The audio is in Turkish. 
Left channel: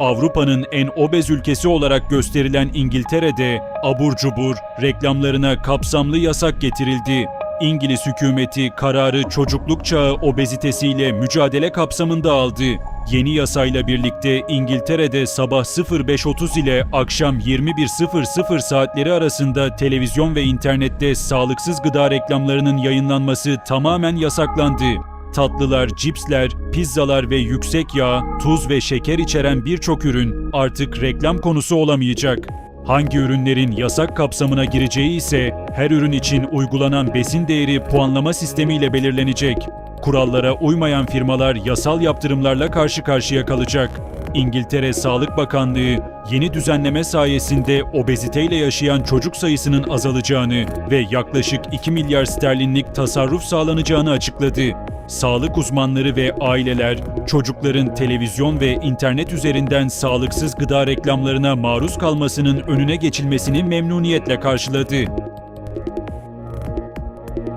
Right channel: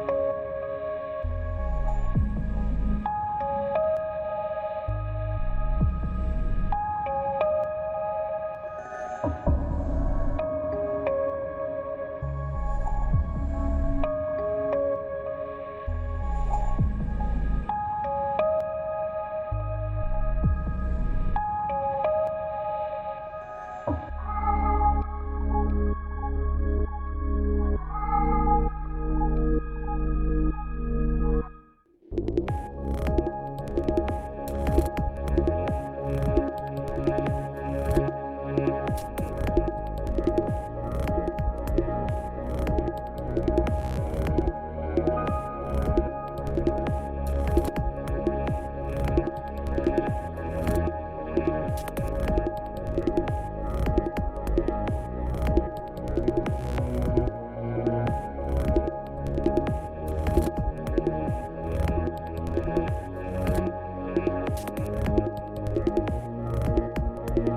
Avrupa'nın en obez ülkesi olarak gösterilen İngiltere'de abur cubur reklamlarına kapsamlı yasak getirildi. İngiliz hükümeti kararı çocukluk çağı obezitesiyle mücadele kapsamında aldı. Yeni yasayla birlikte İngiltere'de sabah 05.30 ile akşam 21.00 saatleri arasında televizyon ve internette sağlıksız gıda reklamlarının yayınlanması tamamen yasaklandı. Tatlılar, cipsler, pizzalar ve yüksek yağ, tuz ve şeker içeren birçok ürün artık reklam konusu olamayacak. Hangi ürünlerin yasak kapsamına gireceği ise her ürün için uygulanan besin değeri puanlama sistemiyle belirlenecek. Kurallara uymayan firmalar yasal yaptırımlarla karşı karşıya kalacak. İngiltere Sağlık Bakanlığı yeni düzenleme sayesinde obeziteyle yaşayan çocuk sayısının azalacağını ve yaklaşık 2 milyar sterlinlik tasarruf sağlanacağını açıkladı. Sağlık uzmanları ve aileler çocukların televizyon ve internet üzerinden sağlıksız gıda reklamlarına maruz kalmasının önüne geçilmesini memnuniyetle karşıladı.